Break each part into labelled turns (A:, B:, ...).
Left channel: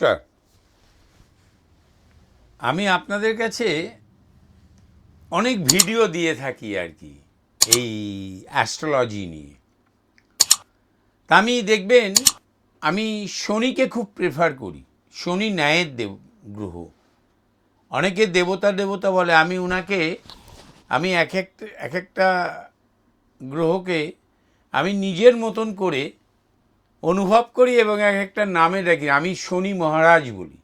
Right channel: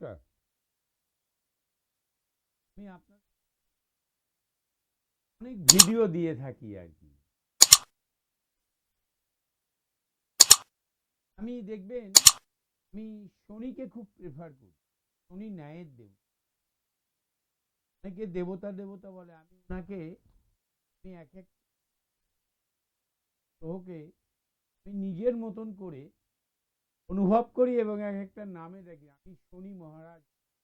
A: নমস্কার। আমি আপনাদের কাছে অনেক ভিডিও দিয়ে থাকি আর কি, এই অ্যাস্ট্রোলজি নিয়ে। তা আমি দেখবেন, আমি শনিকে খুব প্রেফার করি। শনি ন্যায়ের দেব, গ্রহ। অনেকে দেবতা দেবতা বলে, আমি ওনাকে আমি এক একটা এক একটা গ্রহকে আমি নিজের মতন করে অনুভব করি এবং এক একটা নামে ডাকি আমি শনি মহারাজ বলি।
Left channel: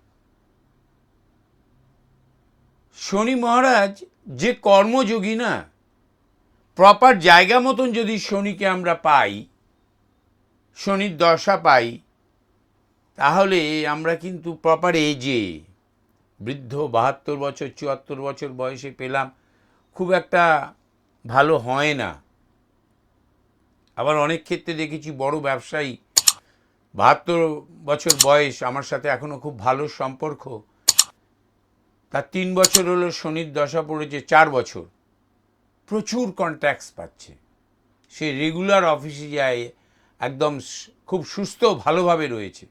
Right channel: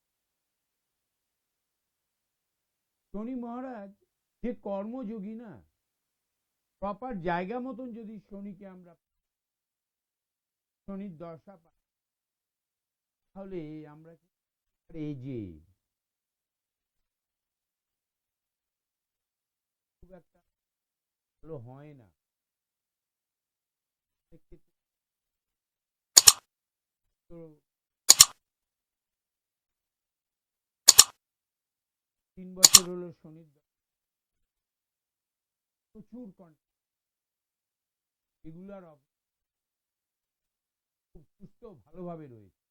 A: শনি মহারাজ যে কর্মযোগী না প্রপার জায়গা মতন যদি শনিকে আমরা পাই, শনির দশা পাই, তাহলে আমরা কিন্তু প্রপার এজে বৃদ্ধ, বাহাত্তর বছর, চুয়াত্তর বছর বয়সে পেলাম। খুব একটা ভালো হয় না। আবার অনেক ক্ষেত্রে দেখেছি বড় ব্যবসায়ী বাহাত্তর বছর বয়স আমার সাথে এখনও খুব ভালো সম্পর্ক। তার তিন বছর হলো শনির দশা পড়েছে, চার বছর। প্রচুর কন্ট্যাক্টস পাচ্ছে। সে রেগুলার অফিসে যায়, একদম খুব সুস্থ, ভালোভাবে রয়েছে।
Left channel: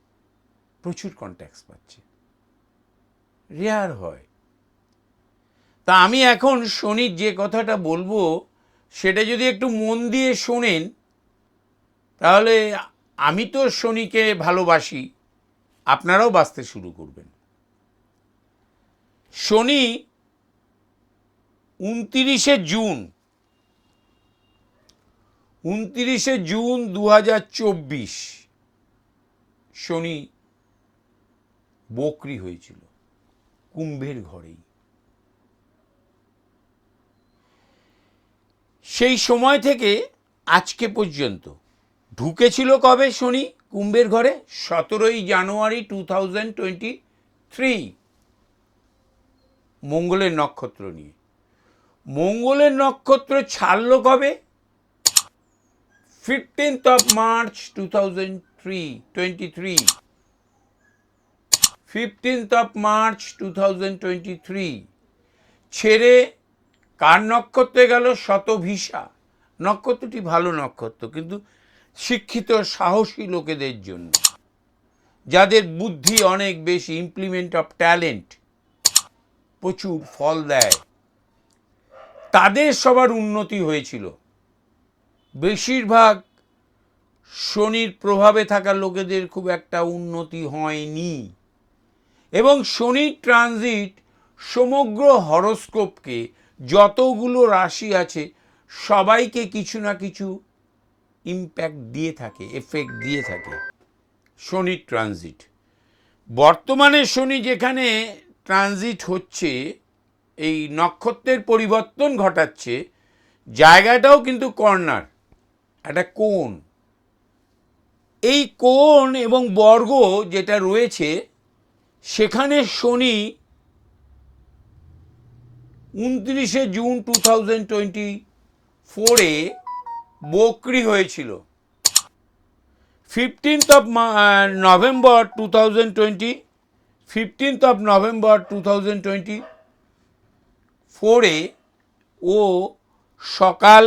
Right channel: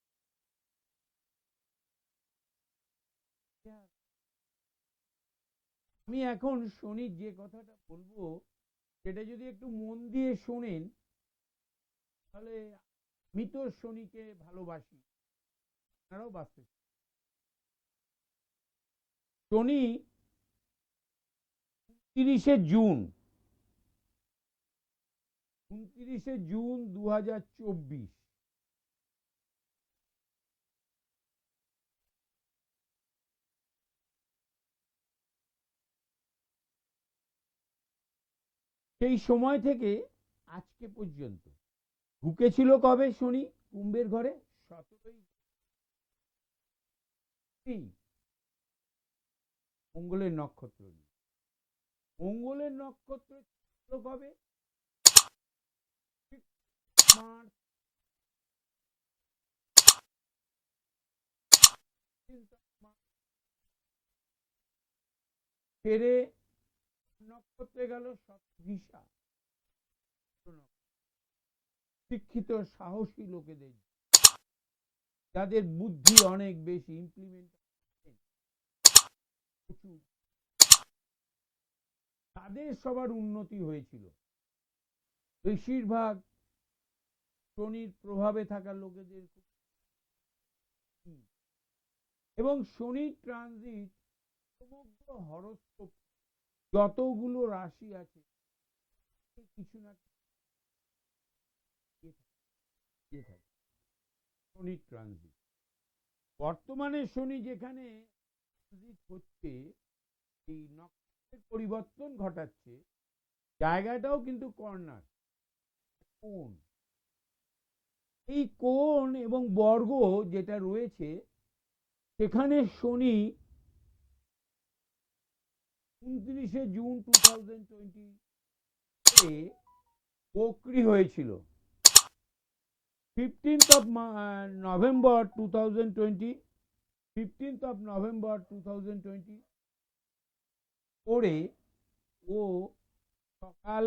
A: প্রচুর কন্ট্যাক্টস পাচ্ছে। রেয়ার হয়। তা আমি এখন শনির যে কথাটা বলব, সেটা যদি একটু মন দিয়ে শোনেন, তাহলে আমি তো শনিকে ভালোবাসি, আপনারাও বাঁচতে শুরু করবেন। শনি উনতিরিশে জুন উনতিরিশে জুন দু হাজার চব্বিশ, শনি বকরি হয়েছিল, কুম্ভের ঘরেই। সেই সময় থেকে আজকে পর্যন্ত ঢুকেছিল কবে শনি কুম্ভের ঘরে? সতেরোই জানুয়ারি টু থাউজেন্ড টোয়েন্টি থ্রি। মঙ্গলের নক্ষত্র নিয়ে। মঙ্গলের নক্ষত্র ছাড়ল কবে? Fifteenth of March two thousand three twenty three. Fifteenth of March two thousand twenty three. ছেড়ে কার নক্ষত্রে গেল? শতভিসা নক্ষত্রটি ভালো নক্ষত্র, কিন্তু শিক্ষিত, সাহসী লোকেদের জন্য। যাদের বুদ্ধি অনেক বেশি ইমপ্লিমেন্ট অফ ট্যালেন্ট প্রচুর ফল দেয়। তাদের সবার উন্নতি হয়েছিল। বেশিরভাগ শনির প্রভাবে থাকা লোকেদের খুব একটা উন্নতি হয়নি। এবং শনির ট্রানজিট সমগ্র হরস্কোপকে যতগুলো রাশি আছে, সবাইকে কিছু না কিছু ইম্প্যাক্ট দিয়ে থাকে এফেক্ট দিয়ে থাকে। শনি ট্রানজিট বর্তমানে শনি যেখানে ট্রানজিট হচ্ছে, এই নক্ষত্রের পরিবর্তন ঘটাচ্ছে, জায়গাটাও কিন্তু কর্নার একটা কোণ। এই কোণ এবং বর্গ যেটা রয়েছে, সেখানে শনি উনত্রিশে জুন টু থাউজেন্ড টোয়েন্টি ফোরে বকরি হয়েছিল। Fifteenth of November two thousand twenty fifteenth of November two thousand twenty ফোরে ও সকাল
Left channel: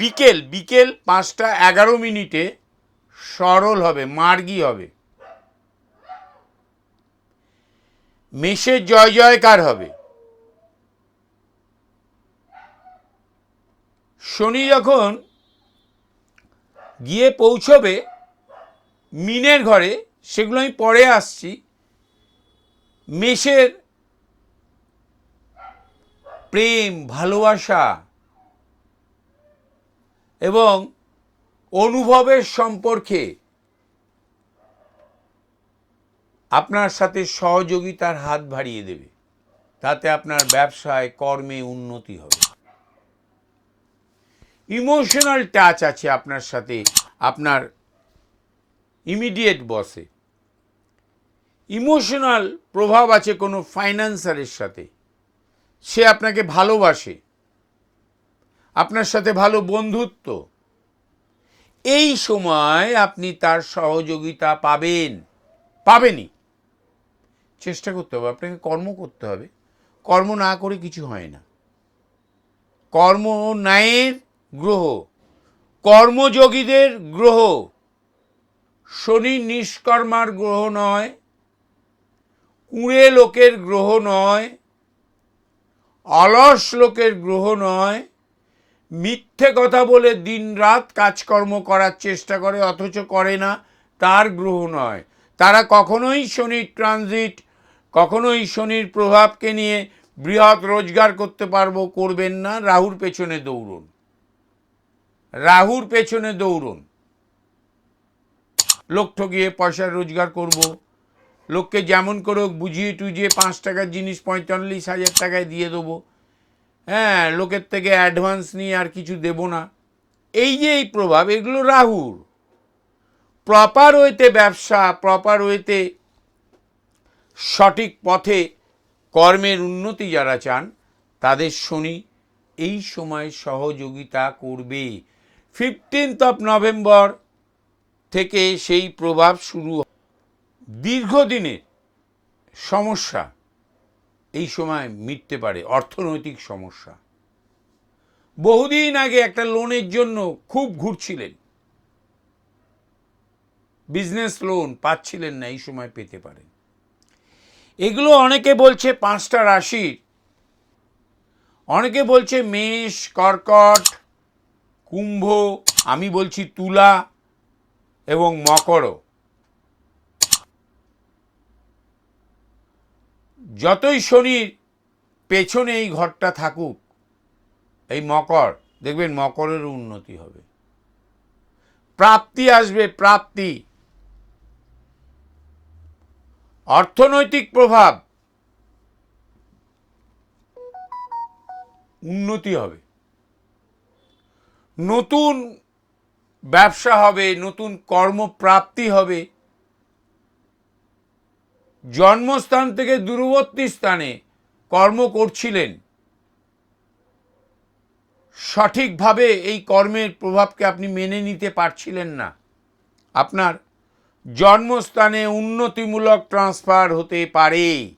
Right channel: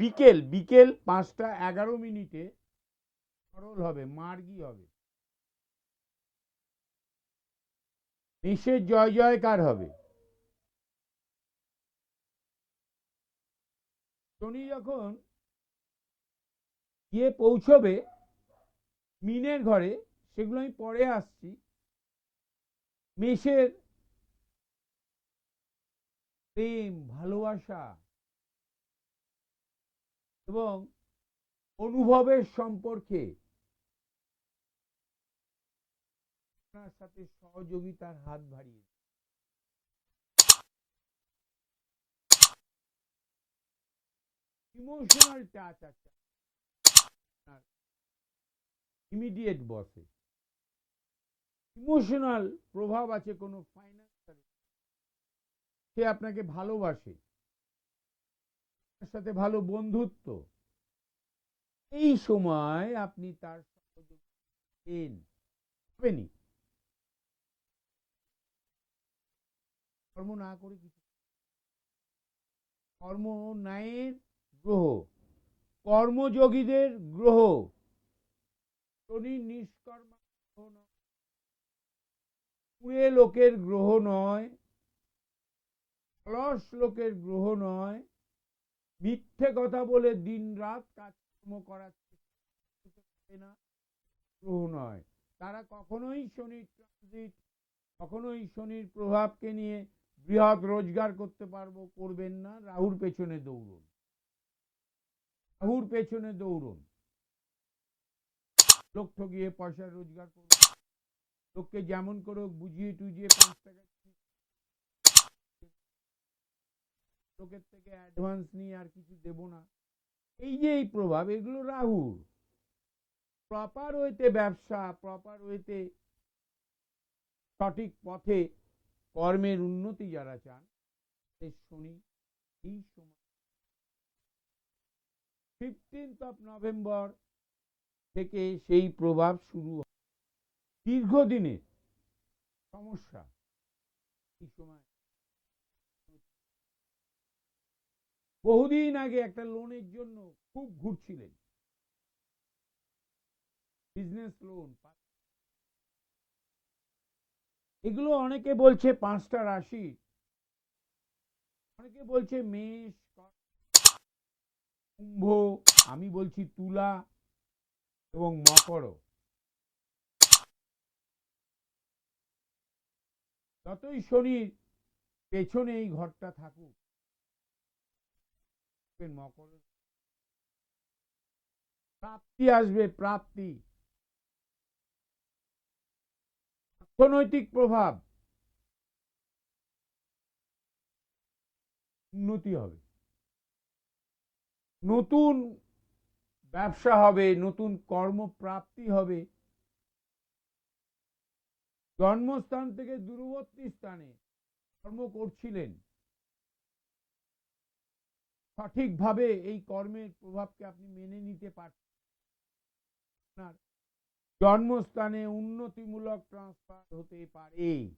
A: বিকেল বিকেল পাঁচটা এগারো মিনিটে সরল হবে, মার্গী হবে। মেষের জয় জয়কার হবে। শনি যখন গিয়ে পৌঁছবে মিনের ঘরে, সেগুলো আমি পরে আসছি, মেষের প্রেম, ভালোবাসা এবং অনুভবের সম্পর্কে আপনার সাথে সহযোগিতার হাত বাড়িয়ে দেবে। তাতে আপনার ব্যবসায়, কর্মে উন্নতি হবে। ইমোশনাল টাচ আছে আপনার সাথে, আপনার ইমিডিয়েট বসে। ইমোশনাল প্রভাব আছে কোনো ফাইন্যান্সারের সাথে। সে আপনাকে ভালোবাসে। আপনার সাথে ভালো বন্ধুত্ব। এই সময় আপনি তার সহযোগিতা পাবেন। পাবেনই। চেষ্টা করতে হবে, আপনাকে কর্ম করতে হবে। কর্ম না করে কিছু হয় না। কর্ম ন্যায়ের গ্রহ। কর্মযোগীদের গ্রহ। শনি নিষ্কর্মার গ্রহ নয়। কুঁড়ে লোকের গ্রহ নয়। অলস লোকের গ্রহ নয়। মিথ্যে কথা বলে দিনরাত কাজকর্ম করার চেষ্টা করে, অথচ করে না, তার গ্রহ নয়। তারা কখনোই শনির ট্রানজিট কখনোই শনির প্রভাবকে নিয়ে বৃহৎ রোজগার করতে পারব, করবেন না। রাহুর পেছনে দৌড়ুন। রাহুর পেছনে দৌড়ুন। লোক ঠকিয়ে পয়সা রোজগার করব। লোককে যেমন করে বুঝিয়ে টুজিয়ে পাঁচ টাকার জিনিস পঁয়তাল্লিশ হাজার টাকায় দিয়ে দেবো। হ্যাঁ লোকের থেকে অ্যাডভান্স নিয়ে আর কিছু দেব না। এই যে এই প্রভাব, এগুলো রাহুর। প্রপার ওয়েতে ব্যবসা, প্রপার ওয়েতে সঠিক পথে কর্মের উন্নতি যারা চান, তাদের শনি এই সময় সহযোগিতা করবে। ফিফটিন্থ অফ নভেম্বর থেকে সেই প্রভাব শুরু। দীর্ঘদিনের সমস্যা এই সময় মিটতে পারে, অর্থনৈতিক সমস্যা। বহুদিন আগে একটা লোনের জন্য খুব ঘুরছিলেন। বিজনেস লোন পাচ্ছিলেন না, এই সময় পেতে পারেন। এগুলো অনেকে বলছে পাঁচটা রাশির। অনেকে বলছে মেষ, কর্কট কুম্ভ, আমি বলছি তুলা এবং মকরও যতই শনির পেছনে এই ঘরটা থাকুক, এই মকর, দেখবেন মকরের উন্নতি হবে। প্রাপ্তি আসবে, প্রাপ্তি। অর্থনৈতিক প্রভাব উন্নতি হবে। নতুন ব্যবসা হবে, নতুন কর্মপ্রাপ্তি হবে। জন্মস্থান থেকে দূরবর্তী স্থানে কর্ম করছিলেন। সঠিকভাবে এই কর্মের প্রভাবকে আপনি মেনে নিতে পারছিলেন না। আপনার জন্মস্থানে উন্নতিমূলক ট্রান্সফার হতে পারে।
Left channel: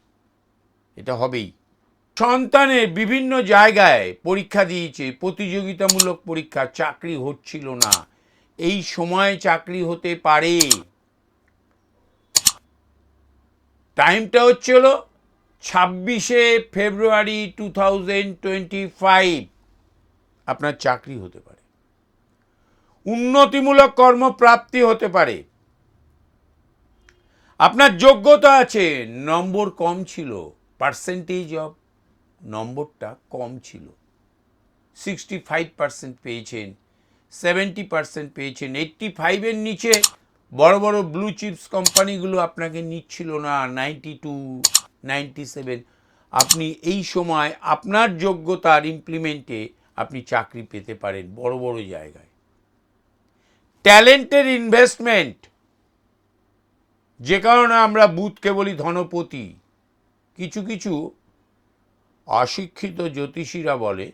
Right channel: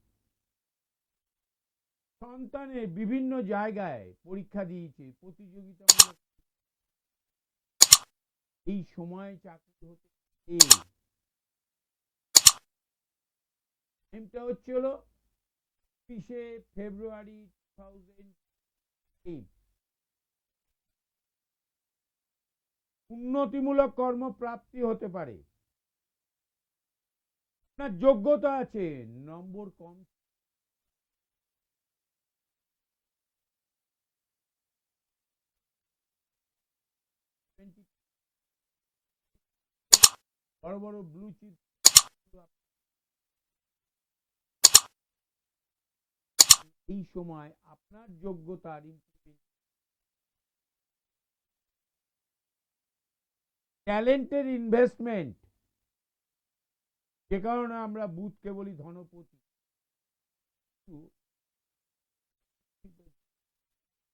A: এটা হবেই। সন্তানের বিভিন্ন জায়গায় পরীক্ষা দিয়েছে, প্রতিযোগিতামূলক পরীক্ষা, চাকরি হচ্ছিল না। এই সময় চাকরি হতে পারে। টাইমটা হচ্ছে হলো ছাব্বিশে ফেব্রুয়ারি টু থাউজেন্ড টোয়েন্টি ফাইভ। আপনার চাকরি হতে পারে। উন্নতিমূলক কর্মপ্রাপ্তি হতে পারে। আপনার যোগ্যতা আছে, নম্বর কম ছিল পার্সেন্টেজ অফ নম্বরটা কম ছিল। সিক্সটি ফাইভ পার্সেন্ট পেয়েছেন সেভেন্টি পার্সেন্ট পেয়েছেন এইট্টি ফাইভের নিচে বড় বড় ব্লু চিপস কোম্পানিগুলো আপনাকে নিচ্ছিল না নাইনটি টু নাইনটি সেভেন আপনি এই সময় আপনার যোগ্যতার ইমপ্লিমেন্টে আপনি চাকরি পেতে পারেন বড় বড় জায়গায়। ট্যালেন্টের ইনভেস্টমেন্ট যে কারণে আমরা বুথকে বলি ধনপতি। কিছু কিছু অশিক্ষিত জ্যোতিষীরা বলে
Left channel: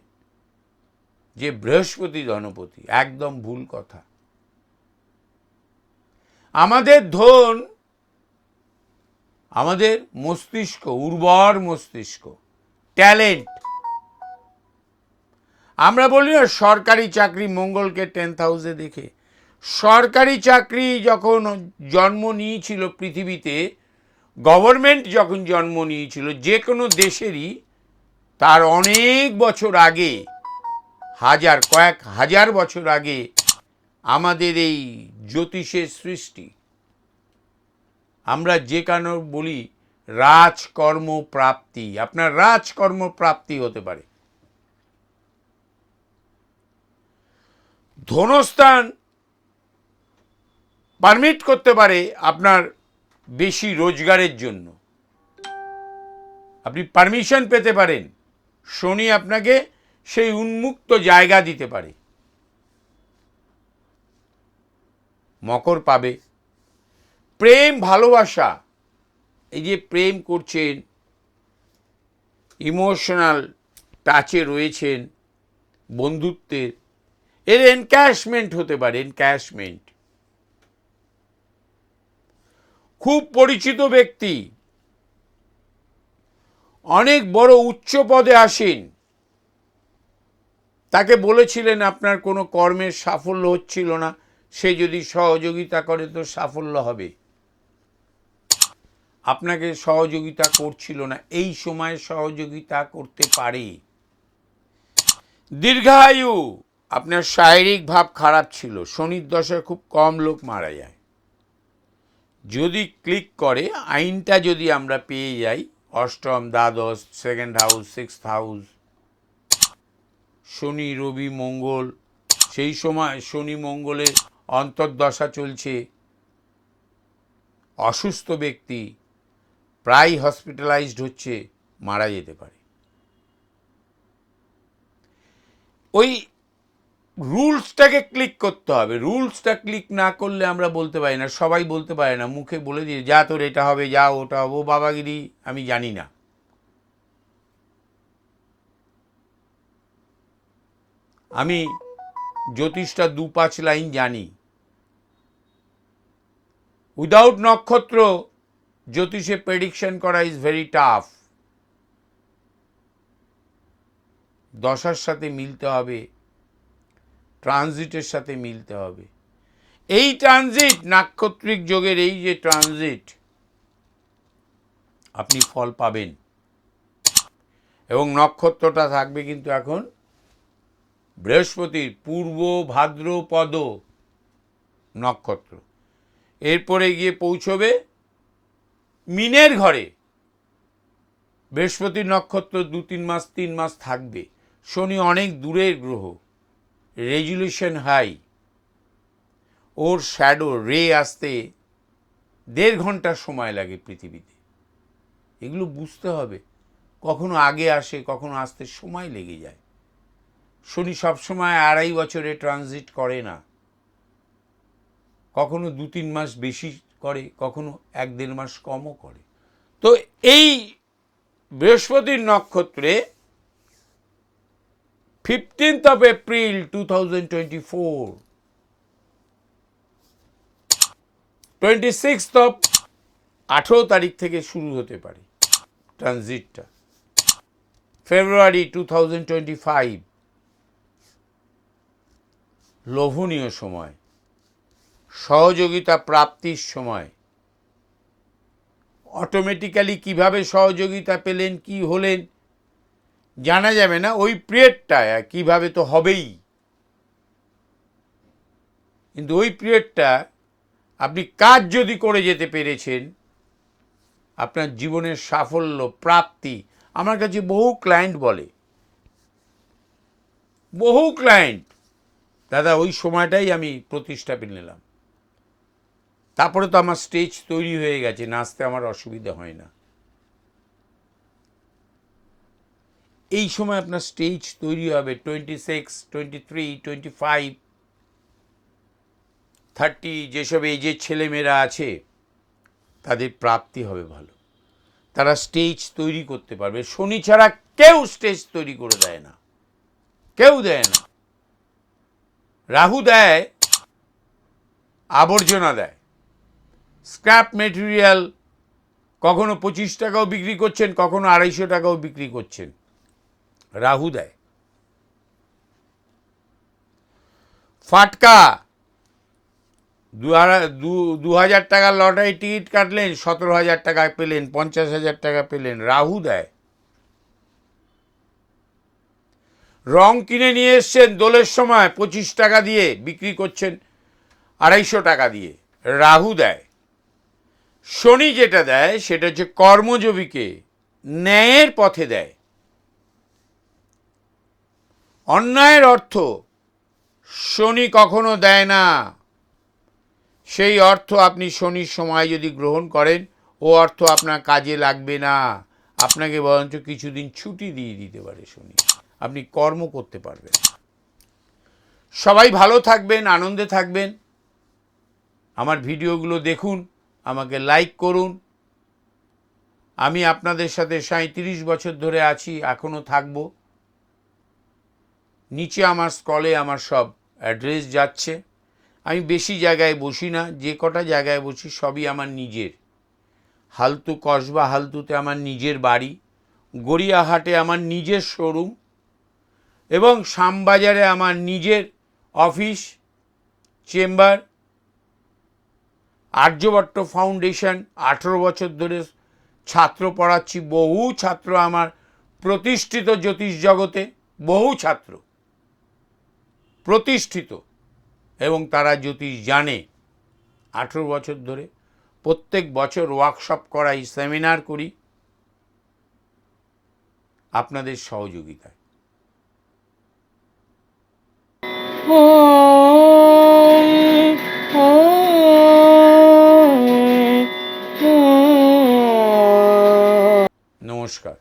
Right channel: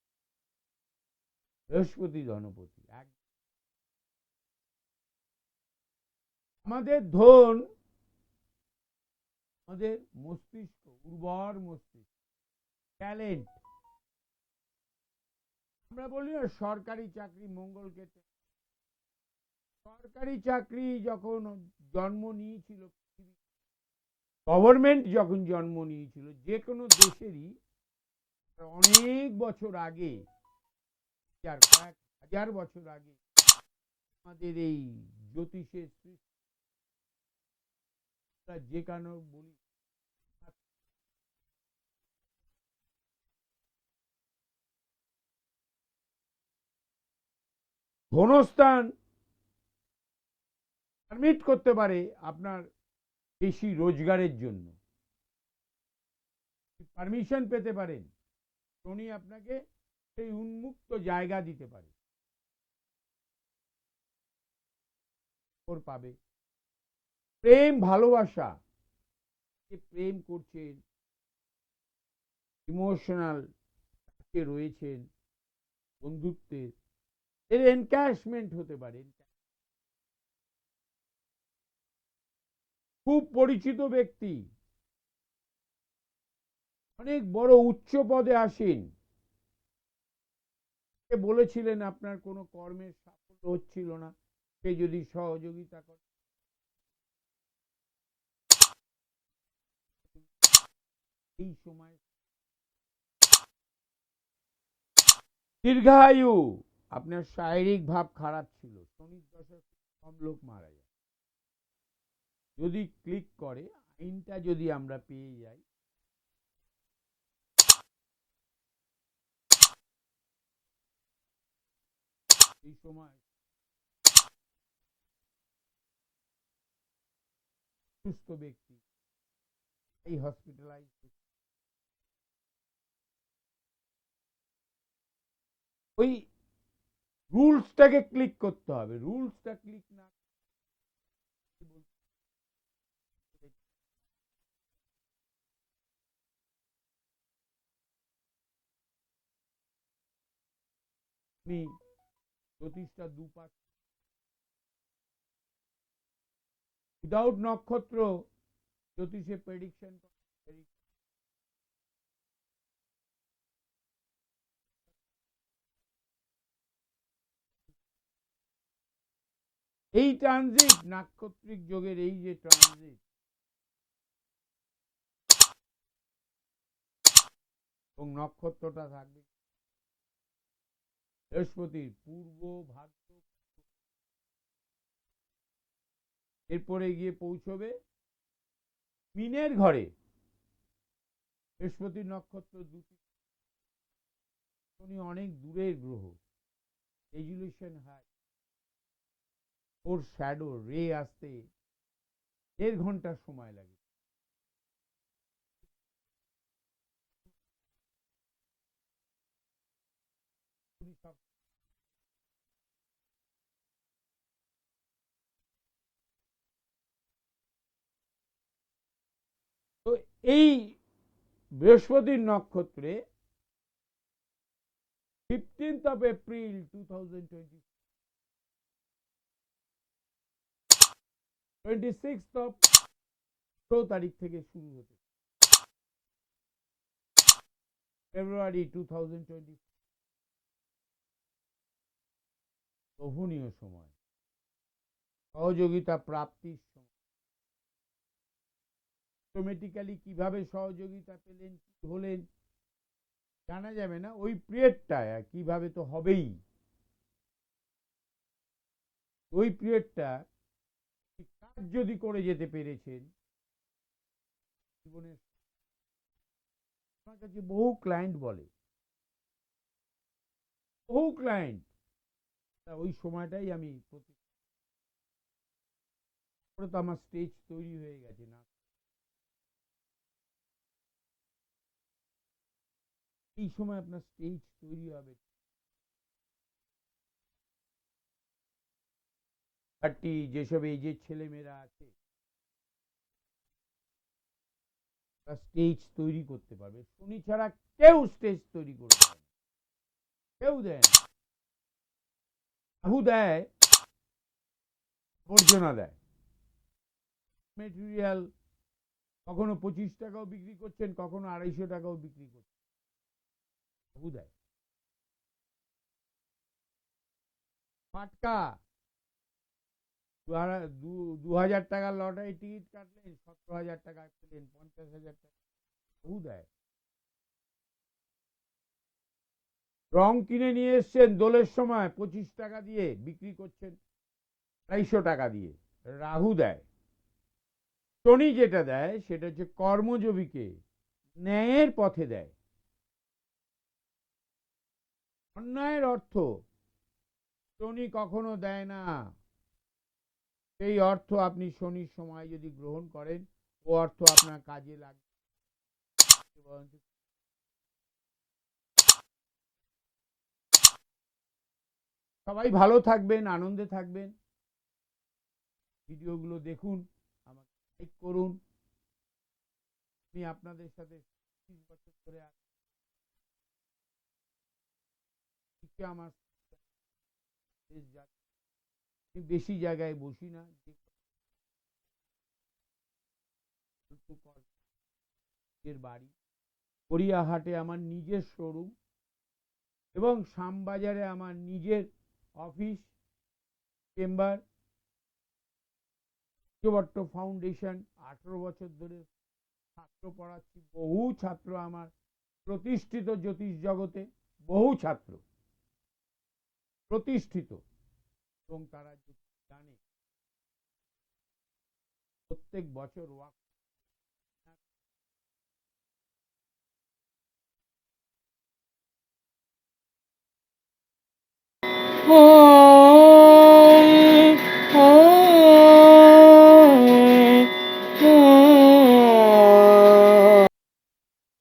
A: যে বৃহস্পতি ধনপতি, একদম ভুল কথা। আমাদের ধন আমাদের মস্তিষ্ক, উর্বর মস্তিষ্ক, ট্যালেন্ট। আমরা বলি না সরকারি চাকরি মঙ্গলকে টেন্থ হাউসে দেখে। সরকারি চাকরি যখন জন্ম নিয়েছিল পৃথিবীতে, গভর্নমেন্ট যখন জন্ম নিয়েছিল, যে কোনো দেশেরই তার অনেক বছর আগে, হাজার কয়েক হাজার বছর আগে আমাদের এই জ্যোতিষের সৃষ্টি। আমরা যে কেন বলি রাজকর্ম প্রাপ্তি, আপনার রাজকর্ম প্রাপ্তি হতে পারে। ধনস্থান পারমিট করতে পারে আপনার বেশি রোজগারের জন্য। আপনি পারমিশন পেতে পারেন। শনি আপনাকে সেই উন্মুক্ত জায়গা দিতে পারে। মকর পাবে। প্রেম, ভালোবাসা, এই যে প্রেম করছেন, ইমোশনাল টাচে রয়েছেন, বন্ধুত্বের, এর এনক্যাশমেন্ট হতে পারে এনক্যাশমেন্ট খুব পরিচিত ব্যক্তি। অনেক বড় উচ্চ পদে আসেন। তাকে বলেছিলেন, আপনার কোনো কর্মের সাফল্য হচ্ছিল না। সে যদি সহযোগিতা করে তো সাফল্য হবে। আপনাকে সহযোগিতা করছিল না। এই সময় সহযোগিতা করতে পারে। দীর্ঘায়ু। আপনার শারীরিক ভাব খারাপ ছিল। শনির দশায় খুব কম লোক মারা যায়। যদি ক্লিক করে, আইনটা যদি আমরা পেয়ে যাই অষ্টম দ্বাদশ সেকেন্ড হাউস সিক্স হাউস শনি, রবি, মঙ্গল, সেই সময় শনি মঙ্গলের অন্তর্দশা চলছে। অসুস্থ ব্যক্তি প্রায় হসপিটালাইজড হচ্ছে, মারা যেতে পারে। ওই রুলসটাকে ক্লিক করতে হবে। রুলসটা ক্লিক না করলে আমরা বলতে পারি না, সবাই বলতে পারে না, মুখে বলে দিয়ে যা তোর এটা হবে, যা ওটা হবে, ও বাবাগিরি, আমি জানি না। আমি জ্যোতিষটা দু পাঁচ লাইন জানি। উইদাউট নক্ষত্র, জ্যোতিষে প্রেডিকশন করা ইজ ভেরি টাফ দশার সাথে মিলতে হবে। ট্রানজিটের সাথে মিলতে হবে। এই ট্রানজিট, নাক্ষত্রিক যোগের এই যে ট্রানজিট, আপনি ফল পাবেন। এবং নক্ষত্রটা থাকবে কিন্তু এখন বৃহস্পতির, পূর্ব ভাদ্রপদ নক্ষত্র। এরপরে গিয়ে পৌঁছবে মিনের ঘরে। বৃহস্পতির নক্ষত্র দু তিন মাস তিন মাস থাকবে। শনি অনেক দূরের গ্রহ। রেজুলেশন হাই, ওর শ্যাডো রে আসতে দেড় ঘণ্টা সময় লাগে পৃথিবীতে। এগুলো বুঝতে হবে। কখনো আগে আসে, কখনো আসতে সময় লেগে যায়। শনি সবসময় আড়াই বছরে ট্রানজিট করে না। কখনো দু তিন মাস বেশি করে, কখনো এক দেড় মাস কমও করে। তো এই বৃহস্পতির নক্ষত্রে fifteenth of April two thousand twenty four twenty six of আঠেরো তারিখ থেকে শুরু হতে পারে ট্রানজিটটা February two thousand twenty five লোভনীয় সময়। সহযোগিতা প্রাপ্তির সময়। অটোমেটিক্যালি কীভাবে সহযোগিতা পেলেন, কি হলেন জানা যাবে না ওই পিরিয়ডটা কীভাবে তো হবেই। কিন্তু ওই পিরিয়ডটা আপনি কাজ যদি করে যেতে পেরেছেন, আপনার জীবনের সাফল্য, প্রাপ্তি, আমার কাছে বহু ক্লায়েন্ট বলে। বহু ক্লায়েন্ট দাদা, ওই সময়টাই আমি প্রতিষ্ঠা নিলাম তারপরে তো আমার স্টেজ তৈরি হয়ে গেছে, নাচতে আমার অসুবিধা হয় না। এই সময় আপনার স্টেজ তৈরি হবে twenty six twenty three twenty five thirty যেসব এজের ছেলেমেয়েরা আছে, তাদের প্রাপ্তি হবে ভালো। তারা স্টেজ তৈরি করতে পারবে। শনি ছাড়া কেউ স্টেজ তৈরি করে দেয় না। কেউ দেয় না। রাহু দেয়, আবর্জনা দেয়। স্ক্র্যাপ মেটেরিয়াল কখনো পঁচিশ টাকাও বিক্রি করছেন, কখনো আড়াইশো টাকাও বিক্রি করছেন। রাহু দেয় ফাটকা দু হাজার- টাকার লটারি টিকিট কাটলেন সতেরো হাজার টাকা পেলেন পঞ্চাশ হাজার টাকা পেলেন রাহু দেয় রং কিনে নিয়ে এসছেন, দোলের সময় পঁচিশ টাকা দিয়ে বিক্রি করছেন, আড়াইশো টাকা দিয়ে রাহু দেয়। শনি যেটা দেয়, সেটা হচ্ছে কর্মজীবীকে ন্যায়ের পথে দেয়। অন্যায়ের অর্থ শনি কখনো দেয় না। সেই অর্থ আপনি শনির সময় যদি গ্রহণ করেন, ও অর্থ আপনার কাজে লাগবে না। আপনাকে বরঞ্চ কিছুদিন ছুটি দিয়ে দিতে পারে শনি। আপনি কর্ম করতে পারবেন। সবাই ভালো থাকবেন, আনন্দে থাকবেন। আমার ভিডিওগুলো দেখুন, আমাকে লাইক করুন। আমি আপনাদের সাথে সাঁত্রিশ বছর ধরে আছি, এখনও থাকব। নিচে আমার স্কলে আমার সব অ্যাড্রেস যাচ্ছে। আমি বেশি জায়গায় বসি না, যে কটা জায়গায় বসি সবই আমার নিজের। হালতু কসবা হালতুতে আমার নিজের বাড়ি, গড়িয়াহাটে আমার নিজের শোরুম এবং শ্যামবাজারে আমার নিজের অফিস, চেম্বার, আর্যভট্ট ফাউন্ডেশন। আঠেরো বছর ধরে ছাত্র পড়াচ্ছি, বহু ছাত্র আমার প্রতিষ্ঠিত জ্যোতিষ জগতে, বহু ছাত্র। প্রতিষ্ঠিত এবং তারা জ্যোতিষ জানে। আঠেরো বছর ধরে প্রত্যেক বছর ওয়ার্কশপ করাই সেমিনার করি। আপনাদের সহযোগিতায়। নমস্কার।